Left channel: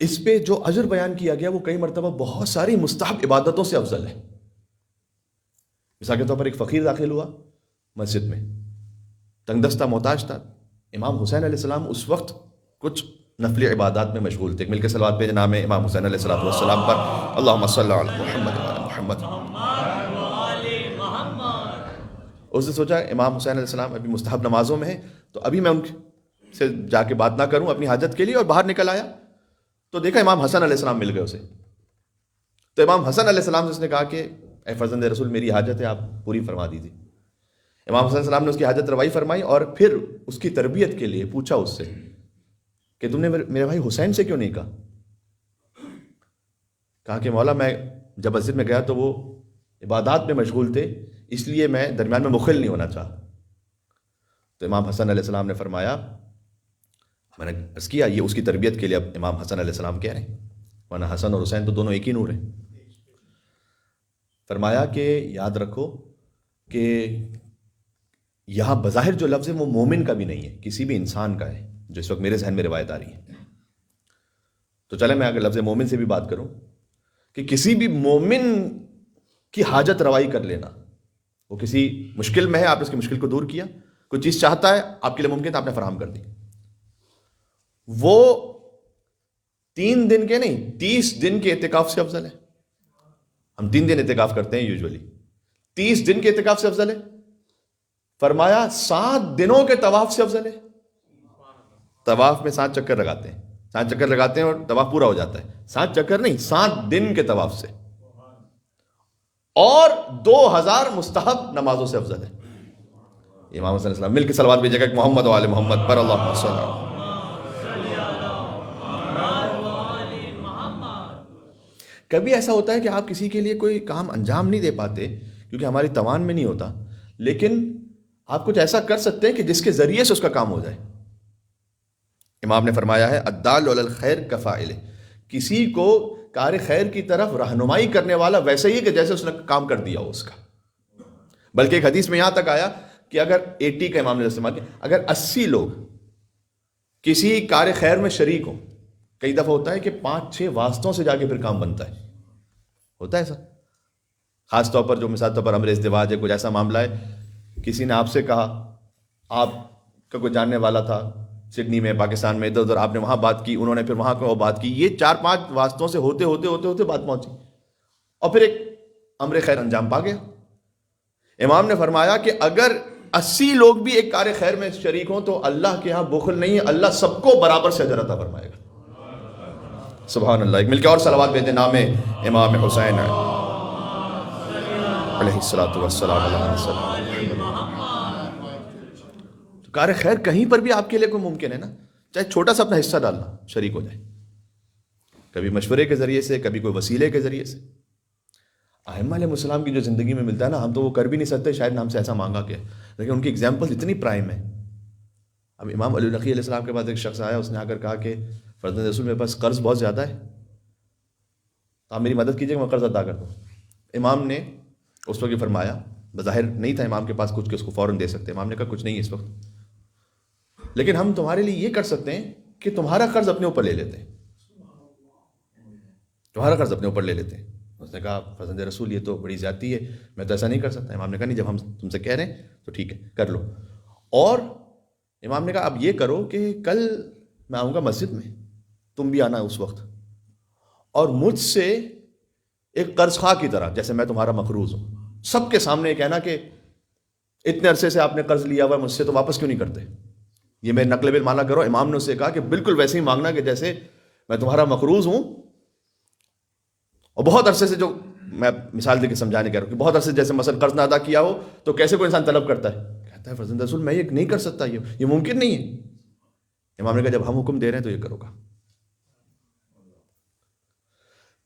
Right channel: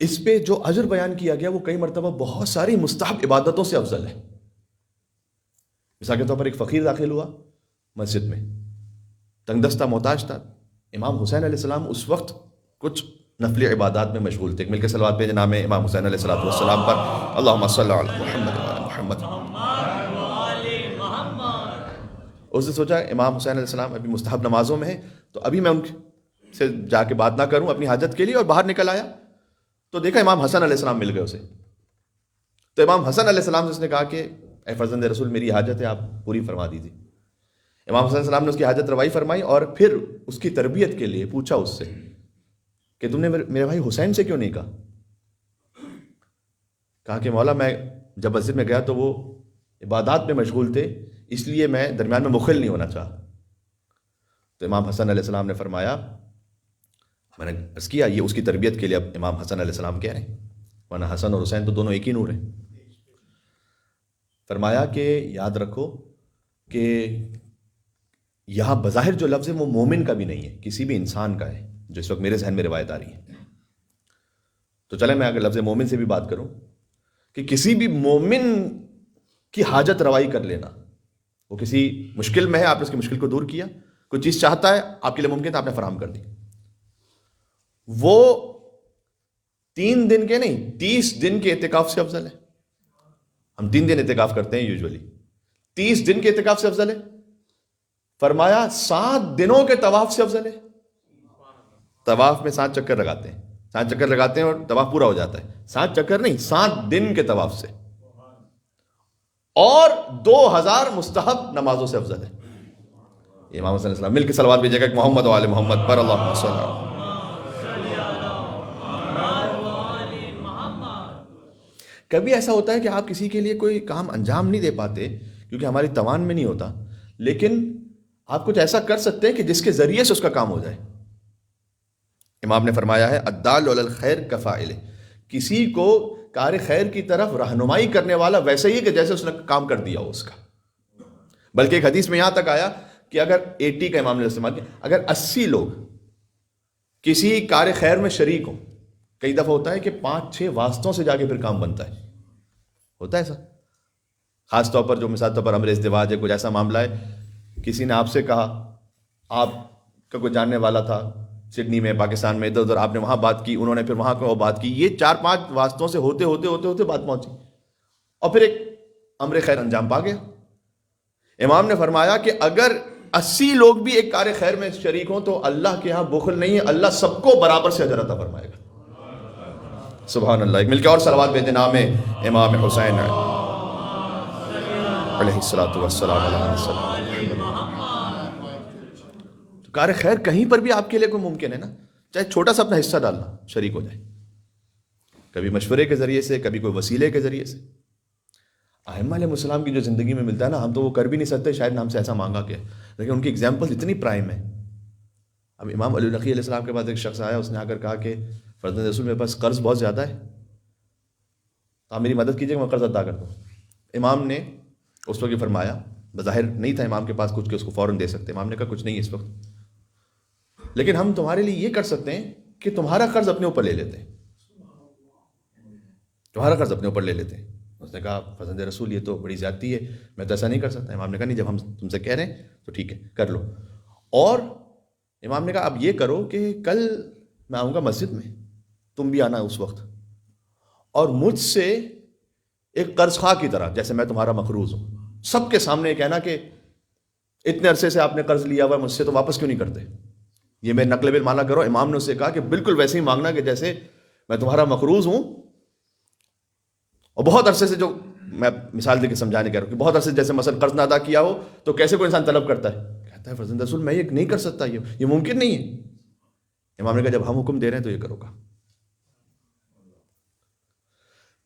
اس پہ جو اجر بیان کیا گیا وہ کئی مرتبہ بہت ساری مستحب عبادتوں سے افضل ہے. مثال کے طور پر ایک فقیر داخل ہوا مسجد میں، تنگ دستہ محتاج تھا. امام حسین علیہ السلام اس وقت کچھ نفلی عبادات میں مشغول تھے. مل کے صلوات بھیجیں نام امام حسین علیہ السلام پر. اللہم صلی علی محمد وعلی محمد. اس نے سوچا امام حسین علیہ السلام ابھی مستحب نمازوں میں ہیں، تو ابھی میں ان سے جا کے بات نہ کروں اپنی حاجت کے لیے، اور باہر نکل آیا تو دیکھا امام حسن علیہ السلام مل گئے اسے. تو امام حسن علیہ السلام سے اس نے کہا کہ اے فرزند رسول میری حاجت ہے، آپ پوری فرما دیجیے. امام حسن علیہ السلام نے اس کی حاجت روائی فرمائی اور پھر اس کی تربیت کے لیے پوچھا اس سے کہ تم نے میرے بھائی حسین سے کیوں نہیں کہا؟ کہا کہ مولا میں جب مسجد میں گیا تو وہ عبادات میں مشغول تھے، اس لیے میں درمیان میں مخل نہیں ہونا چاہا. تو امام حسن علیہ السلام نے فرمایا، میں نے عرض کیا یہ اس کی تربیت کے لیے اب امام حسن علیہ السلام کہہ رہے ہیں، ورنہ حسن اور حسین تو دونوں ایک ہی نور ہیں. فرمایا کہ یاد رکھو کہ یہاں بظاہر جو لفظ ہے وہ مومن کا بھی نہیں ہے، کسی بھی انسان کا ہے، جو اس وقت میرے ذہن میں روایت آ رہی ہے. تو چلے میں اگر لفظ مومن سے بھی بات کروں کہ کسی بھی مومن کی حاجت روائی کر لینا، وہ کسی مشکل میں ہے، آپ اس کی مشکل کو دور کیا، کوئی چیز چاہتا ہے آپ کے لیے ممکن ہے آپ نے فراہم کر دی. وہ 3 دن کے نہیں 30 دن کے اعتکاف سے افضل ہے. ہم 3 دن اعتکاف کرتے ہیں یوزولی، 30 دن کے اعتکاف سے افضل ہے. فرمایا 7 دنوں کے طواف سے افضل ہے. طواف میں 7 چکر لگاتے ہیں، 7 چکر لگاتے ہیں اور طواف پورا ہو جاتا ہے. 7 چکر نہیں، 7 دن کے طواف سے، اور 2000 مستحب نمازوں سے افضل ہے. امام صلی اللہ علیہ وسلم مل کے صلوات بھیجے گا محمد و آل محمد پر اللہم صلی اللہ. کبھی ایسا ہوتا ہے کہ آپ کسی کے لیے کوئی کام انجام نہیں دے پاتے کیونکہ ہماری توان میں نہیں ہوتا، لیکن آپ کچھ ایسا کر سکتے ہیں کہ جس کے ذریعے سے اس کا کام ہو جائے. امام نے فرمایا ہے الدال علی الخیر کفاعل، کسی کو کار خیر کی طرف رہنمائی کرنے والا ویسے ہی کہ جیسے اس نے کام کر دیا ہو اس کا. بلکہ ایک حدیث میں یہاں تک آیا کہ اگر 80 کا امام نے استعمال کیا، اگر 80 لوگ کسی کار خیر میں شریک ہوں، کئی دفعہ ہوتا ہے کہ 5-6 واسطوں سے جا کے پھر کام بنتا ہے، ہوتا ہے ایسا. خاص طور پر جو مثال طور پر امر ازدواج ہے، کچھ ایسا معاملہ ہے، کسی نے آپ سے کہا، آپ کا کوئی جاننے والا تھا سڈنی میں، پاکستان میں، ادھر ادھر آپ نے وہاں بات کی، انہوں نے پھر وہاں کو بات کی، یہ 4-5 واسطوں سے ہوتے ہوتے ہوتے ہوتے بات پہنچی اور پھر ایک امر خیر انجام پا گیا. امام نے فرمایا کہ اگر 80 لوگ بھی ایک کار خیر میں شریک ہوں تو اللہ کے ہاں بخل نہیں ہے، اللہ سب کو برابر سے اجر عطا فرمائے گا. سبحان اللہ. ایک مل کے اور صلوات بھیجیں نام امام حسین علیہ السلام. کار خیر کہیں پر بھی آپ کے لیے کوئی ممکن ہے نا، چاہے چھوٹا سا اپنا حصہ ڈالنا، شریک ہو جائے، کبھی مشورے کے ذریعے سے، کبھی کوئی وسیلے کے ذریعے سے. ائمہ علیہ السلام کی جو زندگی میں ملتا ہے نا، ہم تو وہ کر بھی نہیں سکتے، شاید ہم سے ایسا مانگا کہ، لیکن ان کی ایگزامپل اتنی پرائم ہے. اب امام علی نقی علیہ السلام کے بعد ایک شخص آیا، اس نے آ کر کہا کہ فرزند رسول میرے پاس قرض بہت زیادہ ہے، آپ میری مدد کیجیے میں قرض ادا کرتا ہوں. امام نے اس وقت یہ فرمایا، بظاہر نہیں تھا امام کے پاس کچھ کہ اس کو فوراً دے سکتے. امام نے کہا کچھ نہیں اس وقت، لیکن ہم تمہارے لیے یہ کر سکتے ہیں کہ تمہارا قرض اپنے اوپر لے لیتے ہیں، تمہارا قرض اپنے اوپر لے لیتے ہیں. اس نے کہا فرزند رسول یہ تو بڑی زیادتی ہے، میں تو ایسا نہیں کر سکتا. امام نے کہا نہیں، جب ہم تم سے کہہ رہے ہیں تو ٹھیک ہے کر لو. اور امام نے کہا اب یہ کرو کہ کل میں آؤں گا مسجد میں، تم بھی آنا اس وقت، اور مجھ سے ایک قرض خواہ کی طرح، جیسے میں تمہارا مقروض ہوں، سب کے سامنے کہنا کہ اتنے عرصے سے آپ نے قرض لیا ہوا ہے مجھ سے، تو واپس کیوں نہیں کرتے، یہ میں نقل بل مانا کرو. امام نے اس سے کہا کہ بالکل ویسے ہی مانگنا کہ جیسے میں تمہارا مقروض ہوں. اور بہت عرصے سے، جو میں مثال دے کے سمجھانے کہہ رہا ہوں کہ بہت عرصے سے جیسے مثلا قرض نہ ادا کیا ہو تو کیسے کوئی انسان طلب کرتا ہے، کہتا ہے فرزند رسول میں یہ نہیں کر سکتا، یہ ممکن نہیں ہے. امام نے کہا جب ہم حکم دے رہے ہیں تو یہ کرو گا.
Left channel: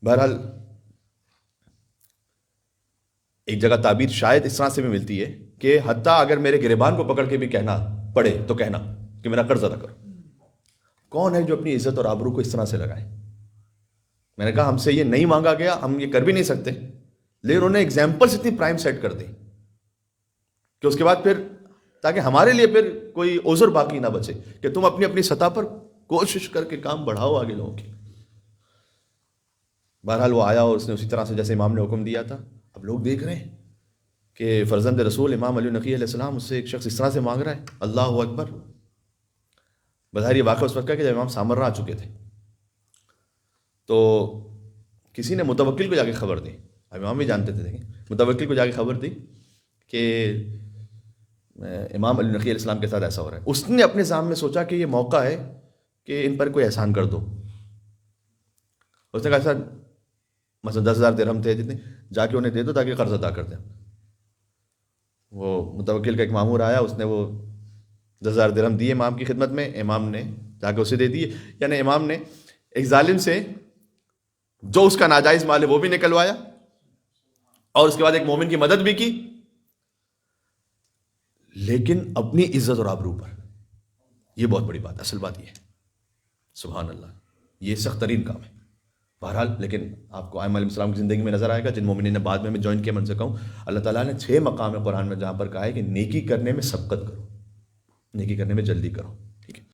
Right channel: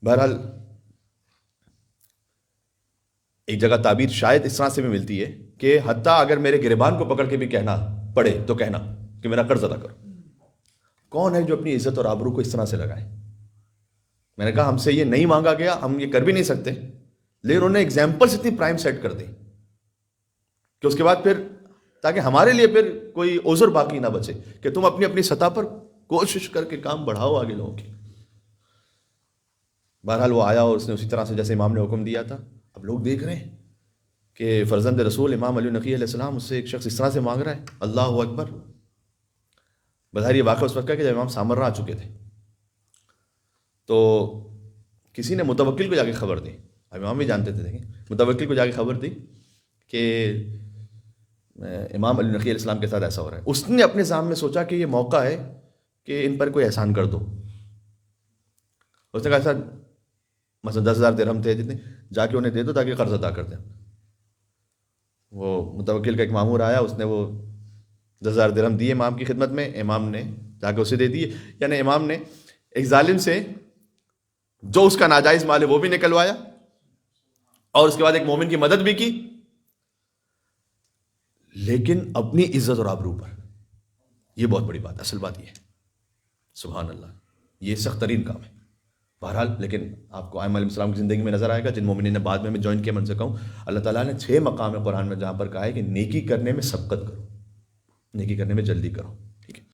بہرحال ایک جگہ تعبیر شاید اس طرح سے بھی ملتی ہے کہ حتیٰ اگر میرے گریبان کو پکڑ کے بھی کہنا پڑے تو کہنا کہ میرا قرض ادا کرو. کون ہے جو اپنی عزت اور آبرو کو اس طرح سے لگائے؟ میں نے کہا ہم سے یہ نہیں مانگا گیا، ہم یہ کر بھی نہیں سکتے، لیکن انہوں نے ایگزامپلس اتنی پرائم سیٹ کر دی کہ اس کے بعد پھر تاکہ ہمارے لیے پھر کوئی عذر باقی نہ بچے کہ تم اپنی اپنی سطح پر کوشش کر کے کام بڑھاؤ آگے لوگوں کی. بہرحال وہ آیا اور اس نے اسی طرح سے جیسے امام نے حکم دیا تھا. اب لوگ دیکھ رہے ہیں کہ فرزند رسول امام علی نقی علیہ السلام اس سے ایک شخص اس طرح سے مانگ رہا ہے. اللہ اکبر. بظاہر یہ واقعہ اس وقت کا کہ جب امام سامرا آ چکے تھے. تو کسی نے متوکل کو جا کے خبر دی. امام بھی جانتے تھے, متوکل کو جا کے خبر دی کہ امام علی نقی علیہ السلام کے ساتھ ایسا ہو رہا ہے. اس نے اپنے ذہن میں سوچا کہ یہ موقع ہے کہ ان پر کوئی احسان کر دو. اس نے کہا سر مثلا 10,000 درہم تھے جتنے, جا کے انہیں دے دو تاکہ قرض ادا کر دیں. وہ متوکل کا ایک مامور آیا, اس نے وہ 10,000 درہم دیے امام کی خدمت میں. امام نے جا کے اسے دے دیے. یعنی امام نے ایک ظالم سے جو اس کا ناجائز مال ہے وہ بھی نکلوایا اور اس کے بعد ایک مومن کی مدد بھی کی, لیکن اپنی عزت اور آبرو پر. یہ بہت بڑی بات, اصل بات یہ ہے. سبحان اللہ, یہ سخت ترین کام ہے. بہرحال لیکن آپ کو ائمہ علیہ السلام کی زندگی میں نظر آئے گا, جن مومنین نے بعد میں جوائن کیا. من سے کہوں اللہ تعالیٰ نے 6 مقام ہے قرآن میں جہاں پر کہا ہے کہ نیکی کرنے میں سبقت کرو, نیکی کرنے میں جلدی کرو. ٹھیک ہے.